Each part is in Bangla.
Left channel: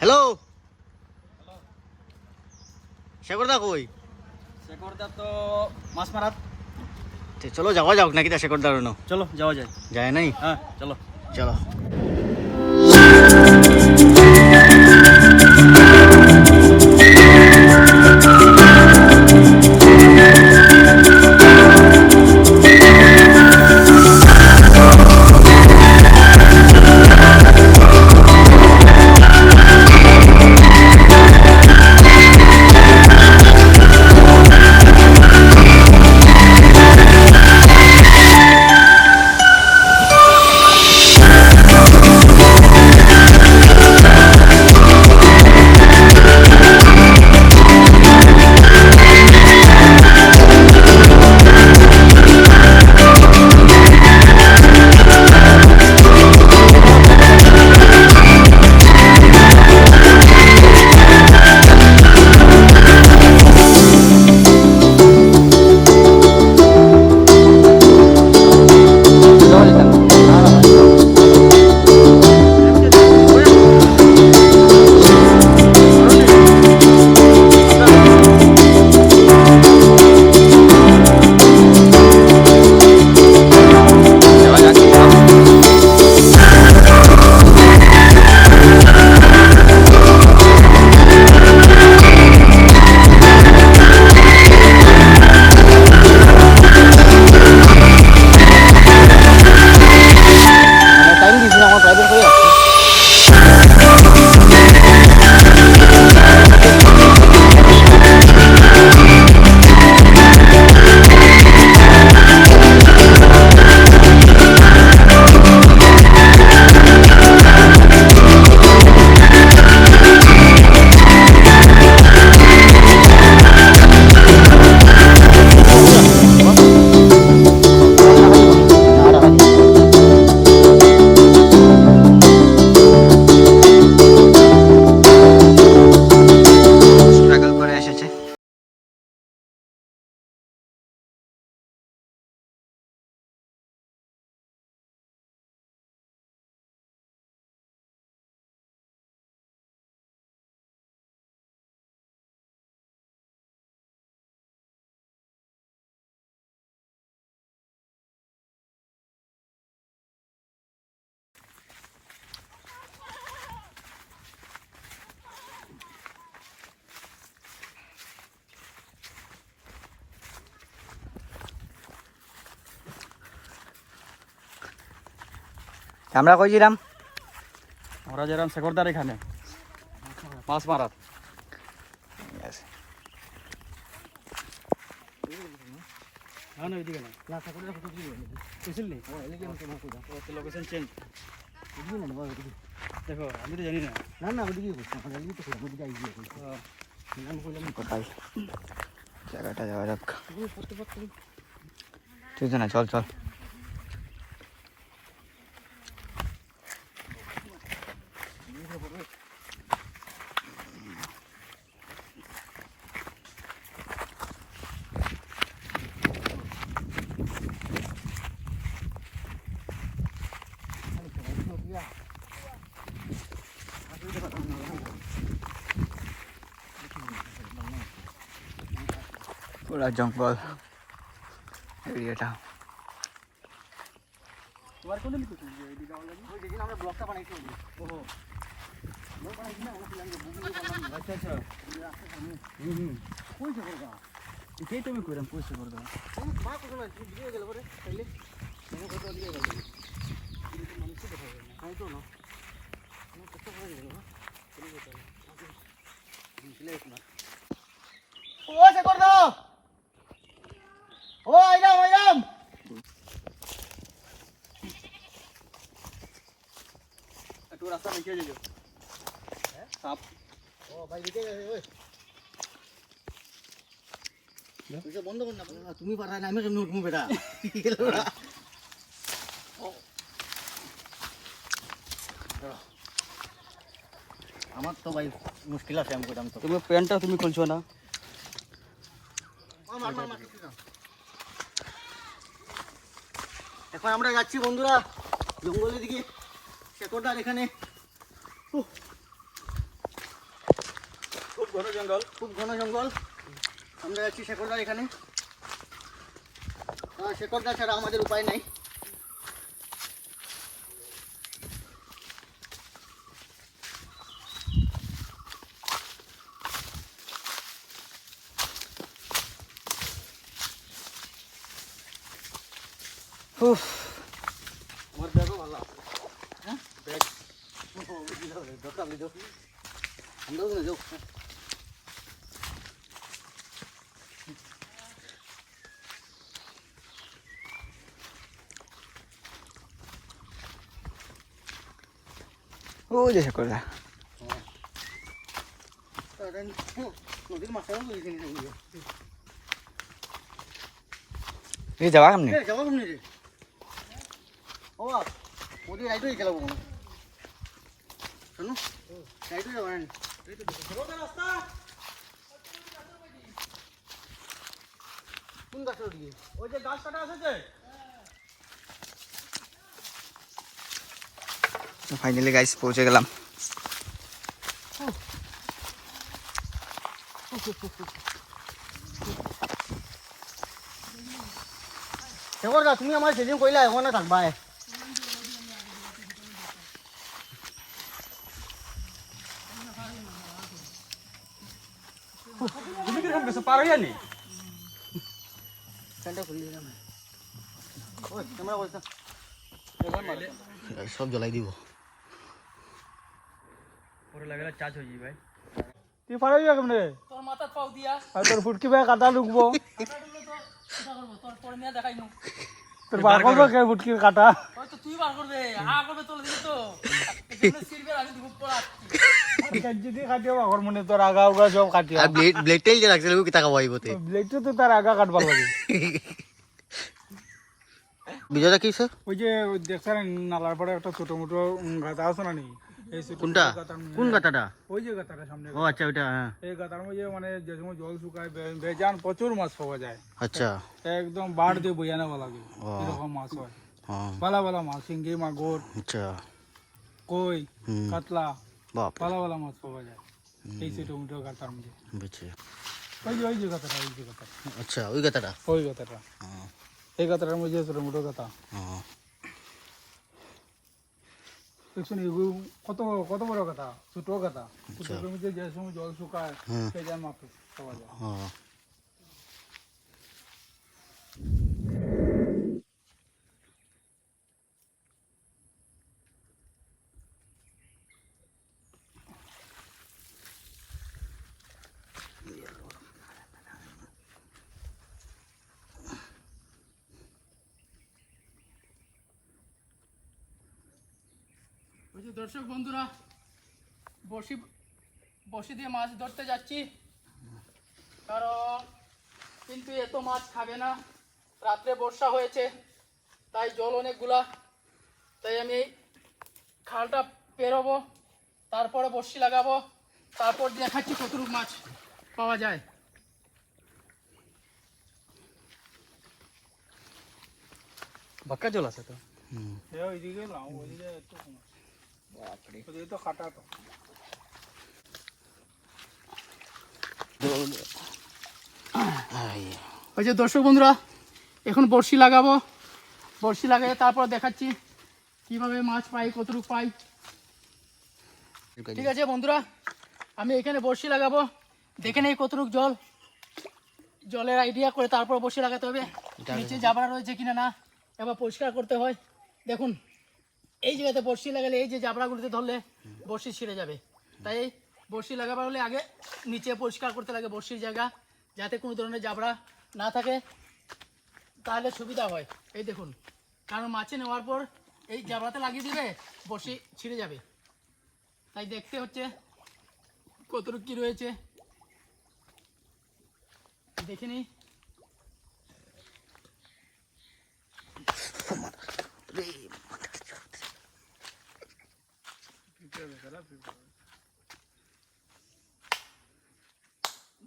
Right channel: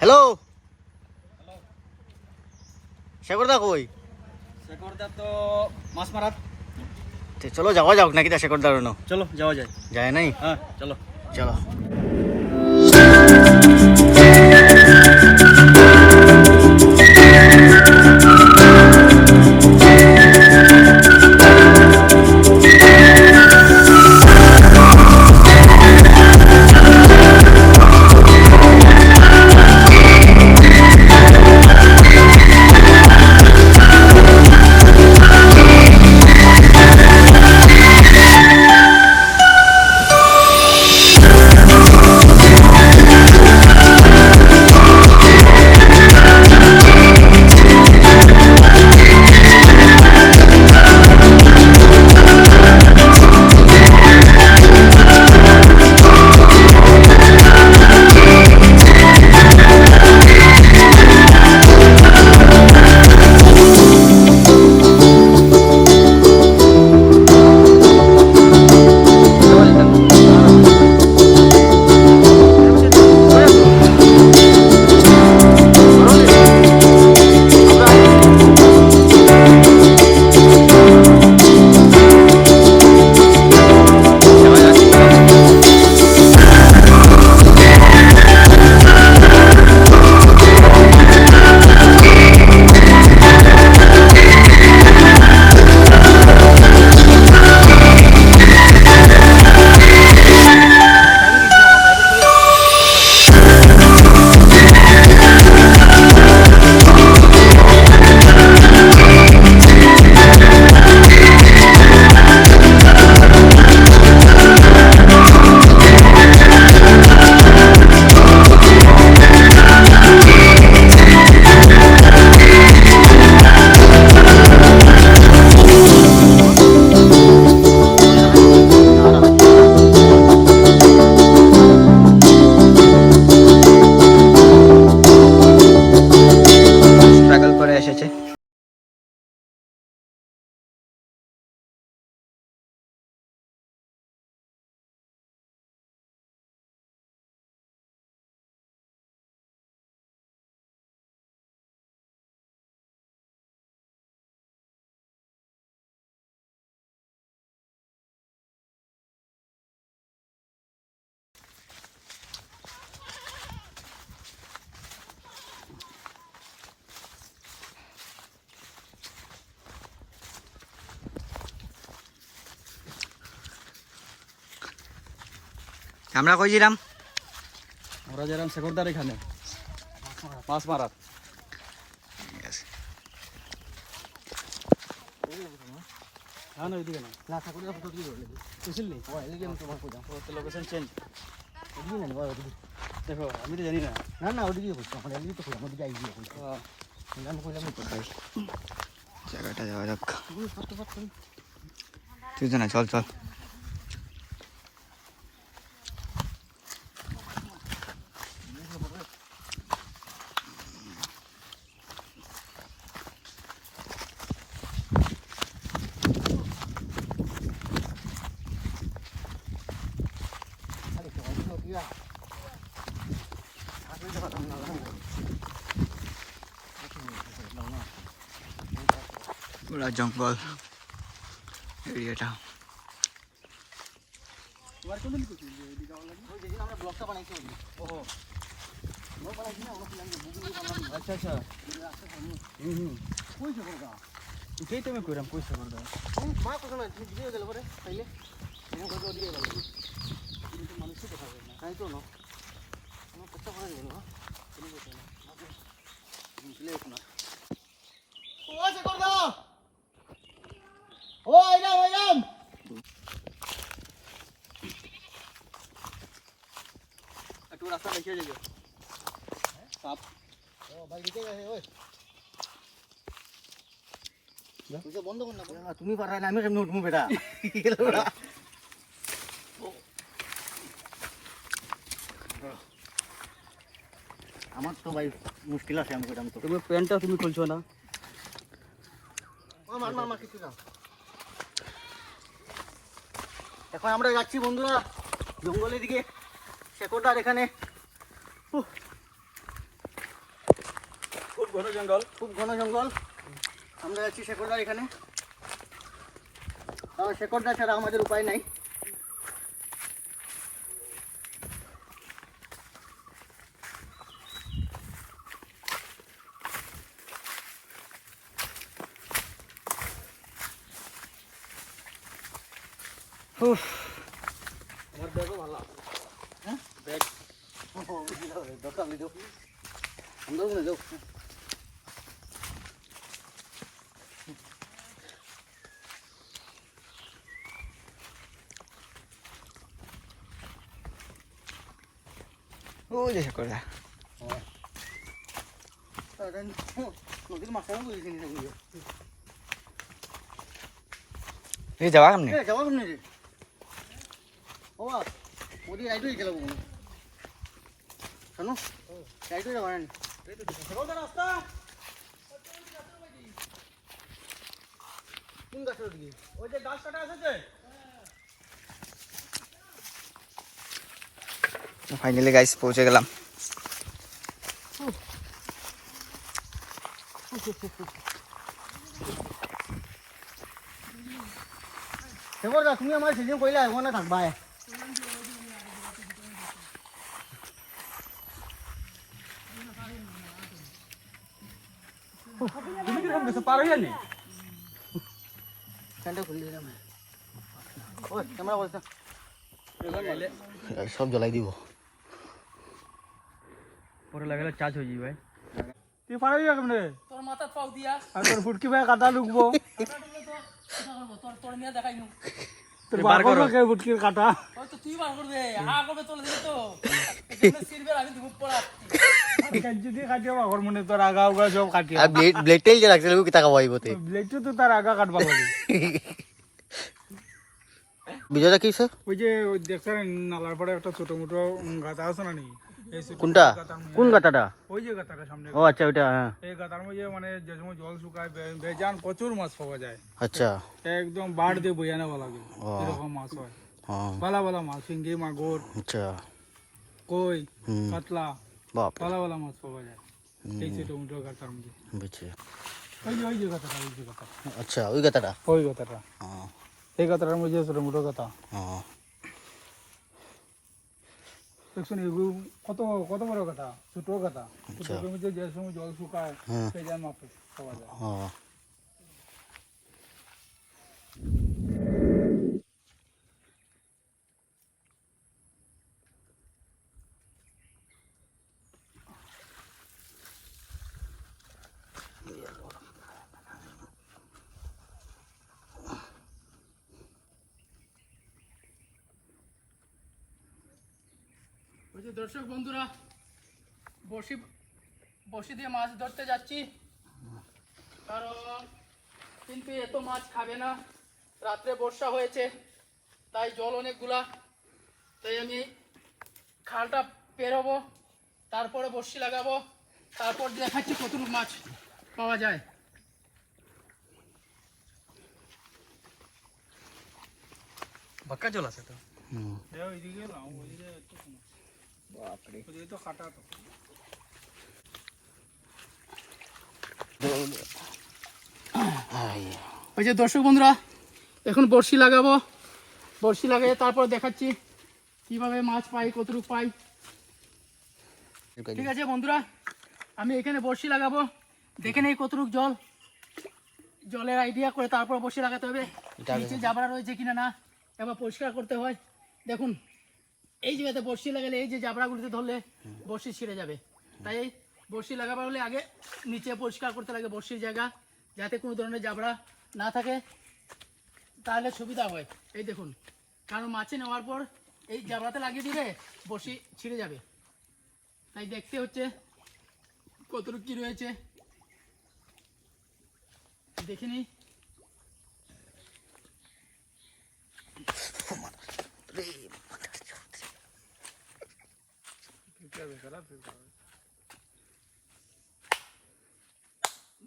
হ্যালো শেখরদা কই? শেখরদা তো মাছ মারাত। চলো যাওয়া যাক নাকি তা শেখরদার? চলো যাওয়া যায়। যায় নাই? হ্যাঁ চলো চলো। আমরা কই জিরাম? আমরা যেরাম শেখরদার এখানে মাছ মারাত। ঠিক আছে। না না ওইদিকে না, না শেখরদার ফটো দিয়ে বুঝলি নি? Location change. দেখো আমি তো জানি না। না না ওদিকে বুঝতে আমরা এদিকে তো আমরা দিকে আইছি। কোথায় জায়গাটা যাওয়া যাক। ঠিক আছে না, চল চল। পুরা জঙ্গল এরিয়াটা। তোমার কোন দিকে তুমি এদিকে যাওয়া লাগে? ওই যেদিন আমরা ব্লগটা বানাইছি ওই। ওহো ব্লগ বানাইছি না, আমরা প্ল্যান বুকিং করে করলাম। আচ্ছা আচ্ছা এই রাস্তা সামনে। কই শেখরদা? এটাই তো আমি কইরাম, কই শেখরদা? ও মা তো না দিয়ে গেল পরে খাইলে মনে করে দিয়ে গেল। কিন্তু মানুষই দেখা যায় না, তাই তো না আমার কষ্ট করে গেল না চলে যেতে না আগে বুঝলে না। ও শেখরদা, ও আইরাম আইরাম। একটু রাস্তা দেখিয়ে দিও। হ্যাঁ সাপ। ও ভাই দিতে গেছে ওই তুই বন্ধ কর না। তুমি পারা না, আমি কেমনে উঠবো বেটা? আমার তো ভাই মুশকিল আছে, আমি কইতাম তো। তুমি প্যান্টটা তুমি খুলছো না? মার মার মার কিছু না। এখন আমরা যাচ্ছি বন্ধুরা জঙ্গলের দিকে। শেখরদার এখানে ঘন জঙ্গল, খুব ঘন জঙ্গল। আমরা যাচ্ছি শেকড়গাছ এখানে। শেকড়গাছ ছাড়া আমাদের উপায় নাই। আমার ব্যাগও ভালো। হ্যাঁ ব্যাগ দরকার নেই, যাও যাও। ওই যে শেকড়টা। নদীর মাছটা এই যাওয়া কেমনি? যাবো কেমনি রে? ও নদী রাইডই চালাবো কোনো শোনো, রাইডই যাবো না রাস্তা কোন গাছের ওদিকে? ওই যে গাছ কাটা আছে যে। ফাইনালি গাইস পৌঁছে গেলাম। তুমি আমার সেদিন কইলা এখন না থাকবা। তুমি কিরকম গেছো পার হইয়া নি? সব জ্বলাই দিব। পরে লাগালে চার্জ হয়ে যাবে। তুই পার হইয়া কেমনে? তোর মাথা পাও দিয়া আর তোর ফুটকি ভাই কাটা লুকবো। কাটা লুকলে তো এটা করব, তোর মিয়া দেখাইনু। তোর বার করবে কে ফুটকি কাটা? ওই তো তুই বার করবে, করবে তোলে দিবি তো। এখানে সিরবে আমি দুপুর পর আসছি। যদি কাটিয়া বাগর মনে তোর আগা সব কাটিয়া। আর ব্লেডটাই যে লাগছিল কি টাকা পাইবতে। ব্লেডটা তো তার আগা কাটবা লাগে। বিজয়টা কি স্যার? ওই যে দেখছেন নালার পরে একটা ছোট মোটো গাতা আছে না নি? কোনটা? কোন গাতাটা? ওই যে গাতাটা সামনে। ও আচ্ছা ওইটা। হ্যাঁ এই গাতার মধ্যে মানে যে সময় জল শুকায় বেজান প্রচুর মাছ পাওয়া যায়। আচ্ছা একদম বাড় দিয়ে বইয়া নেওয়া লাগে, এরকম মাছ হয়। ভালো ভালো মাছ, শিঙ্গি মাগুর, আচ্ছা কই, কাতলা, বাপ ভালো ভালো মাছ পাওয়া যায় এই ছোট মোটো গাতার মধ্যে। বুঝছি। ওই যে গাতাটা, ওই যে গাতা। আচ্ছা ওই গাতাটা। ওই গাতাটা, এই গাতাটার মধ্যে ছোট মোটো গাতা। দেখুন এগুলো কত কত বড় কথা, ছোট কথা। ছোটোর মধ্যে যে সময় জল শুকায় সেই মাছ পাওয়া যায়। ওই যে দর্শক বন্ধুরা, বসি দিয়ে মাছ ধরতে যাচ্ছি, কারণ কিন্তু এত মাছ খাবে না। রাত্রে বর্ষা হয়েছে, তাই জল অনেকগুলা। তাই আমি এই খালটা পেরোবো, তারপরে বসি লাগাবো, তারপর দেখাচ্ছি কতটুকু মাছ পাওয়া যায়। বাক্কা জল আছে তো। ওই যে দর্শক বন্ধুরা, এখন বড়শি লাগাবো, বড়শি লাগিয়ে তারপর দেখাচ্ছি কিভাবে মাছ পাই, কতটুকু পাই। ঠিক আছে বন্ধুরা, আমি এখানে বড়শি লাগাবো, দেখে নেই কতটুকু জলের আইডিয়া করে তারপর বড়শি লাগাতে হবে। নিচে জাবড়া রয়েছে কিনা না এবার পরিষ্কার করতে হয়। দেখুন এই জায়গাতে বড়শি লাগালে এই যে জাবড়াগুলোতে ধরলে বড়শি ছিঁড়ে যাবে, তাই বড়শি লাগাবার হলে আগে নিচে পরিষ্কার করতে লাগে বড়শির জায়গা, যাতে কোনো ধরনের জাবড়া না থাকে, তাহলে সুবিধা হয়। এই দেখুন, কারণ মাছে নেওয়ার পর এই জাবড়াতে লাগিয়ে দিবে, বড়শি ছিঁড়ে যাবে। তাই দেখতে হচ্ছে কতটুকু কি রয়েছে, দেখে নিই।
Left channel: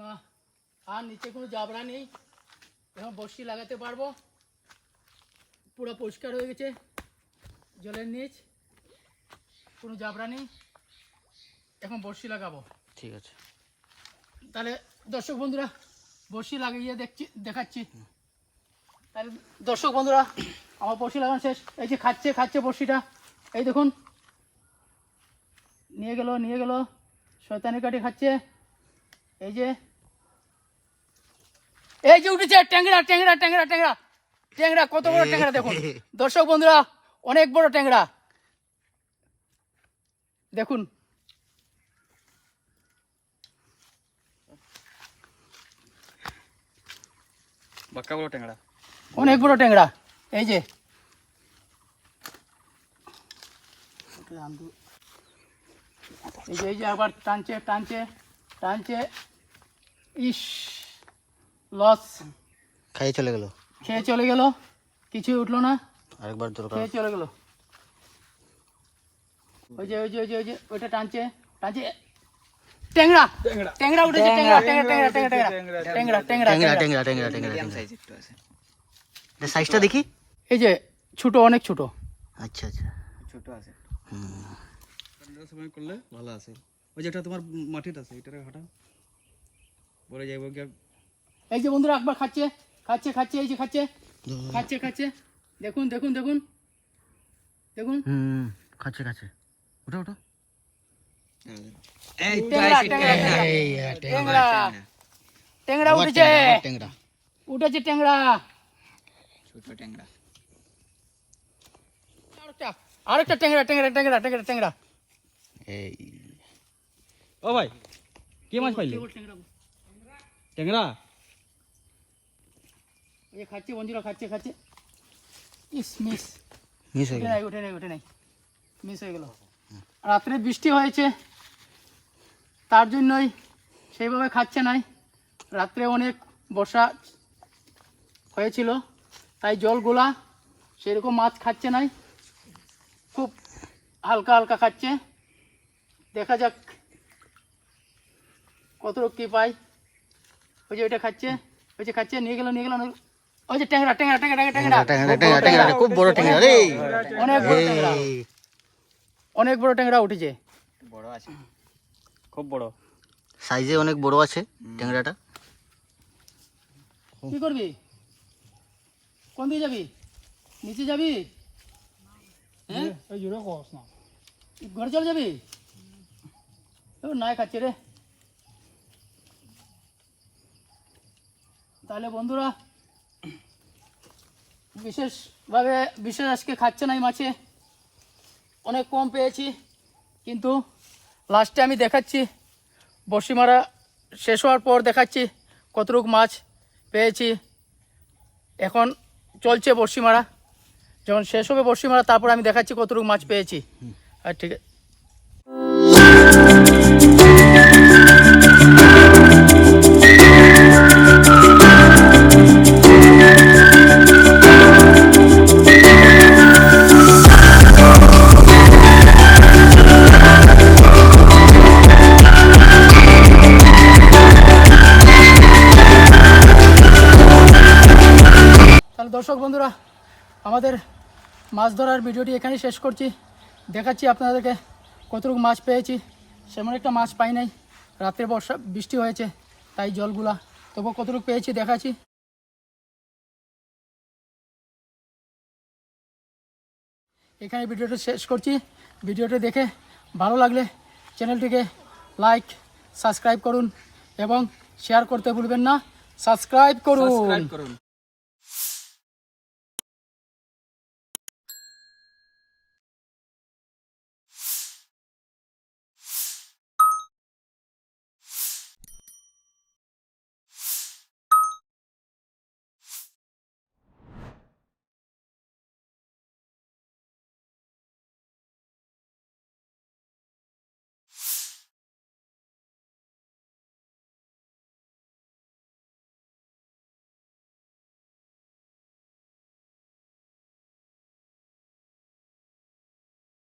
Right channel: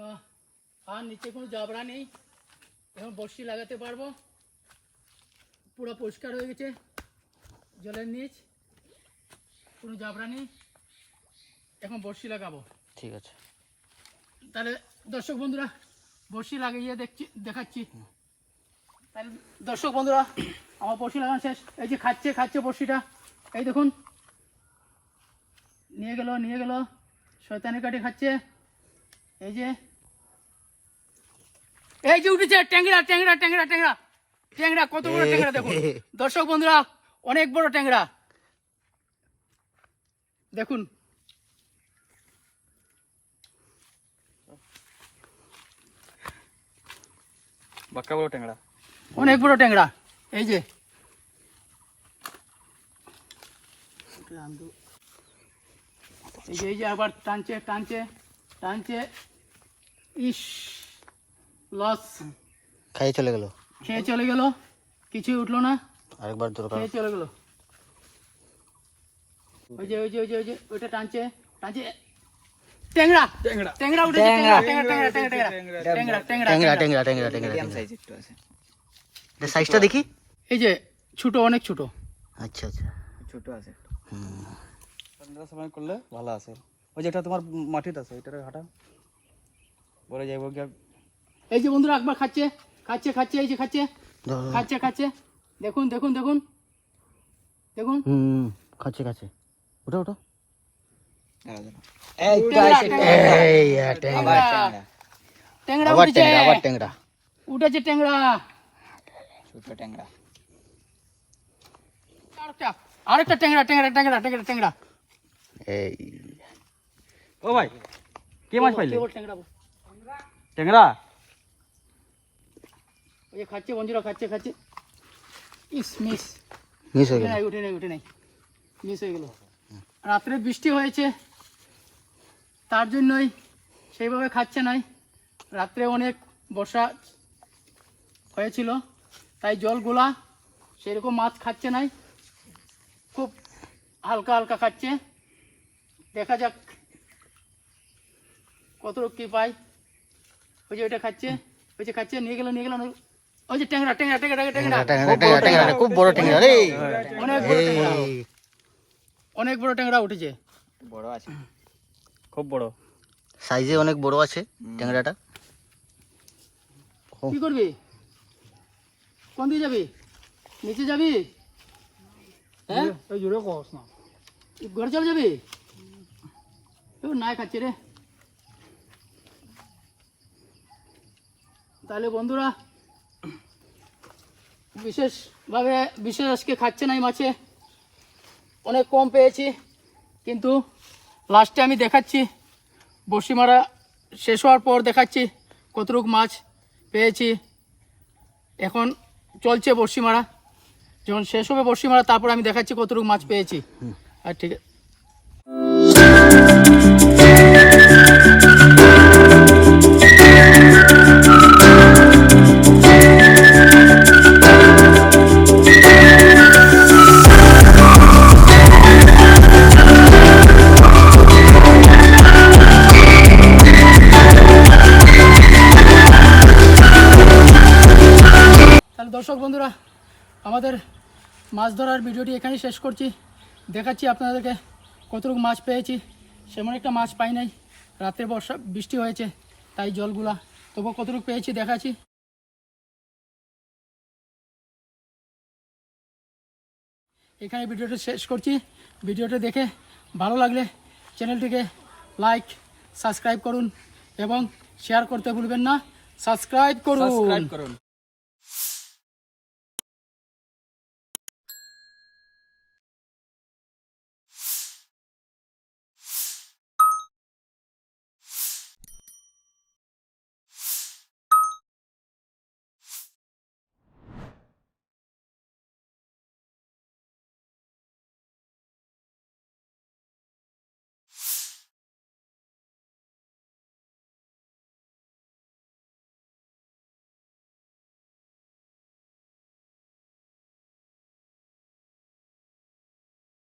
না আর নিচে কোনো জাবড়া নেই, এখন বড়শি লাগাতে পারবো। পুরো পরিষ্কার হয়ে গেছে, জলের নিচ কোনো জাবড়া নেই, এখন বড়শি লাগাবো। ঠিক আছে। তাহলে দর্শক বন্ধুরা বড়শি লাগিয়ে দেখাচ্ছি। তাহলে দর্শক বন্ধুরা আমার বড়শি লাগানো শেষ। এই যে খাচ্ছে বড়শিটা, এই দেখুন নিয়ে গেল শয়তানি কাঠি খাচ্ছে। এই যে উঠেছে ট্যাংরা, কত বড় ট্যাংরা দেখুন দর্শক বন্ধুরা, অনেক বড় ট্যাংরা দেখুন। বাক্কা বড় ট্যাংরা, অনেক বড় ট্যাংরা। এই যে আবার টানছে ইস লস, খেয়ে চলে গেল, কিছুই উঠলো না, আরেকবার দরকার। খেয়ে চলে গেল। ওই যে ওইটা টানছে ট্যাংরা উঠেছে, ট্যাংরা। সাইজটা দেখি। এই যে ছোট, অনেক ছোট। আচ্ছা ছোট আছে। সময় করলে ভালো আছে। ওই যেটা তোমার মাটিটা আছে এটারে ঘাটা বলে যাইব কি। এই যে বন্ধুরা একবার খাচ্ছে, এই যে খাচ্ছে। দেখুন খাচ্ছে ওটা ট্যাংরা উঠেছে, ট্যাংরা। ছোট ট্যাংরা, আরেকটা ট্যাংরা। এই ও ভাই কি মাছ পাইলে? ট্যাংরা ট্যাংরা ওই যে খাচ্ছে বন্ধুরা, খাচ্ছে। মিস হয়ে গেল। উঠে নেই, মিস হয়ে গেল। রাত্রে বৃষ্টি হয়েছে, তার জন্যই সেইভাবে খাচ্ছে নাই। রাত্রে অনেক বর্ষা হয়েছিল, তাই জলগুলা সেরকম মাছ খাচ্ছে নাই, খুব হালকা খাচ্ছে। দেখা যাক কত কি পাই। ওই যে ওইটা খাচ্ছে, নিয়ে গেল। ওই যে ট্যাংরা, খুব বড় ট্যাংরা রে, অনেক বড় ট্যাংরা উঠেছে। বড় আছে, খুব বড় সাইজে অনেক বড় আছে ট্যাংরাটা। কি করবি? কোন দিকে যাবি? নিচে যাবি? হ্যাঁ জোরে কস না, ঘরে চলে যাবি? না খাচ্ছে রে। তাহলে বন্ধুরা বিশেষ আজকে খাচ্ছে নাই মাছে, অনেক কম পেয়েছি। কিন্তু লাস্টে আমি দেখাচ্ছি, বড়শি মারা শেষ হওয়ার পর দেখাচ্ছি কতটুকু মাছ পেয়েছি। এখন চলছে বড়শি মারা, যখন শেষ হবে বড়শি মারা তারপর আমি দেখাচ্ছি কতটুকু মাছ পেয়েছি। আর ঠিক আছে, দর্শক বন্ধুরা আমাদের মাছ ধরার ভিডিওটি এখানেই শেষ করছি। দেখাচ্ছি আপনাদেরকে কতটুকু মাছ পেয়েছি। সেমন একটা মাছ পাই নাই, রাত্রে বৃষ্টি হয়েছে তাই জলগুলা, তবু কতটুকু পেয়েছি দেখাচ্ছি। এখানে ভিডিওটা শেষ করছি। ভিডিওটা দেখে ভালো লাগলে চ্যানেলটিকে লাইক সাবস্ক্রাইব করুন এবং শেয়ার করতে ভুলবেন না। সাবস্ক্রাইব করুন।